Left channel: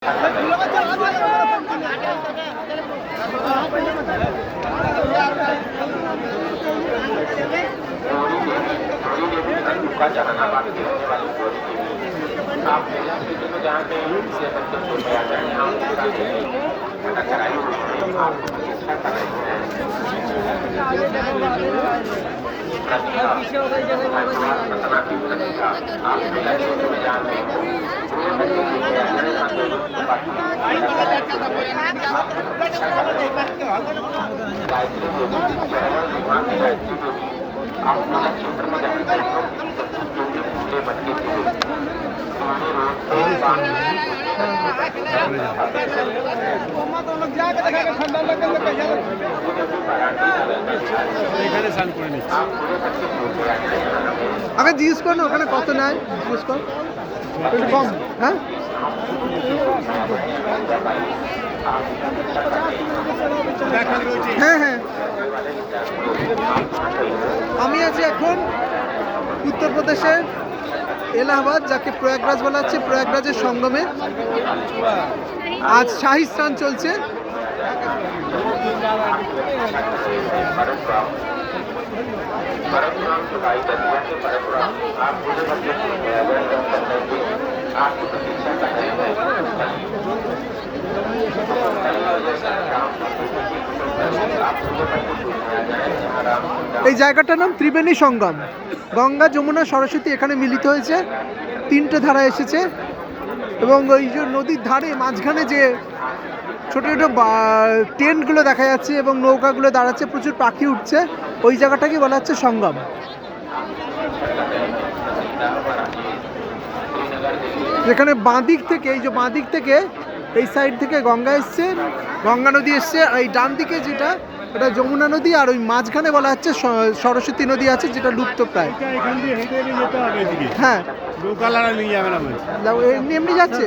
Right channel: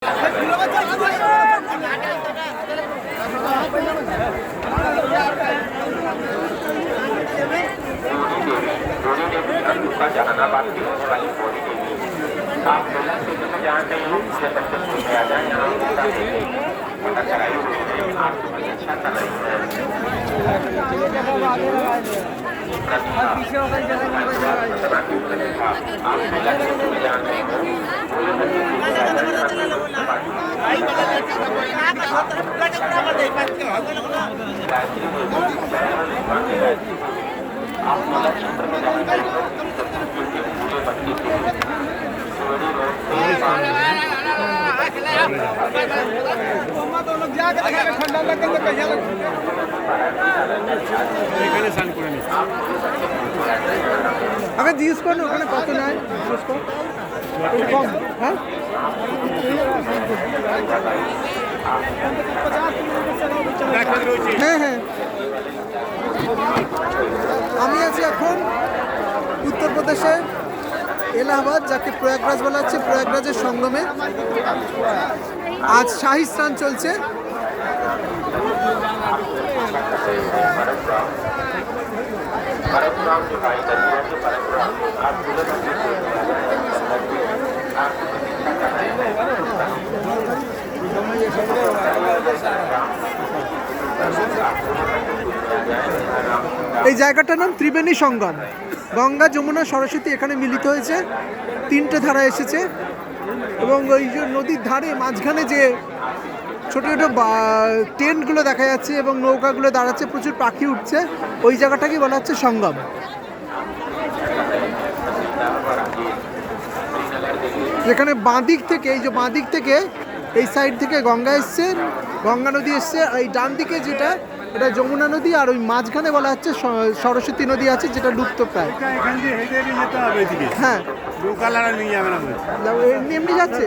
जहानाबाद की होने वाली जोड़ी के लिए आप पहले क्षेत्र में जानते हैं इससे तक में आ जाए यहाँ आपको कुछ अच्छा कर रही है आप पहला क्षेत्र में जानते हैं আগে জিজ্ঞেস কর না ওখানে কত নেয়, জিজ্ঞেস কর একটু কম। হ্যাঁ হ্যাঁ হ্যাঁ আমি আছি এখন উত্তরপ্রদেশের এলাহাবাদ, যাকে প্রয়াগরাজ বলা হচ্ছে, প্রয়াগরাজের সঙ্গমে আজ শাহী স্নান চলছে। এই জায়গাটার নাম ত্রিবেণী সঙ্গম। গঙ্গা, যমুনা, সরস্বতী এখানে মিলিত হয়েছে, তিনটে ধারা এসেছে। এবং ওই যে নদীর ধারে মাঝখানে যে ছোটো ছোটো টেন্টগুলো দেখা যাচ্ছে এবং নৌকাগুলো দাঁড়াচ্ছে, প্রচুর পাখি উঠছে, ওই জায়গাটাকে বলা হচ্ছে সঙ্গম। যেখানে বাঁদিক থেকে, এই যে বাঁদিক থেকে এই সাইড থেকে গঙ্গা এসছে, গঙ্গা নদী এসছে, আর এই ডান দিকে যেটা ওটা যমুনা নদী, আর ওই মাঝখানে বলা হচ্ছে সরস্বতী নদী আছে, যেটা লুপ্ত প্রায়। হ্যাঁ এমনি এমনি যাচ্ছে।